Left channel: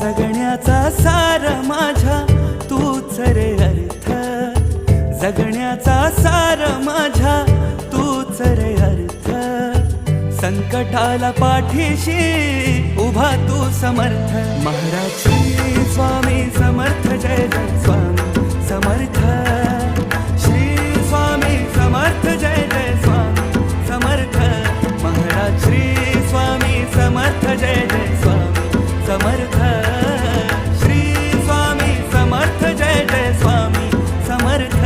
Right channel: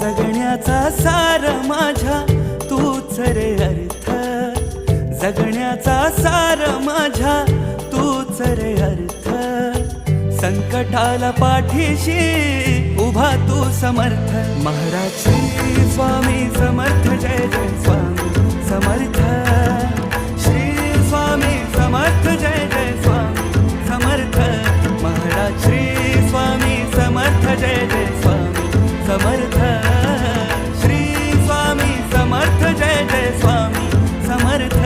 जगण्याचा सार माझ्या तूच रे अर्थ, जगण्याचा सार माझ्या तूच रे अर्थ. संकटाला पाठीशी उभा तू समर्थ. महाराज श्री स्वामी समर्थ, जय जय स्वामी समर्थ. श्री स्वामी समर्थ, जय जय स्वामी समर्थ. महाराज श्री स्वामी समर्थ, जय जय स्वामी समर्थ. श्री स्वामी समर्थ, जय जय स्वामी समर्थ.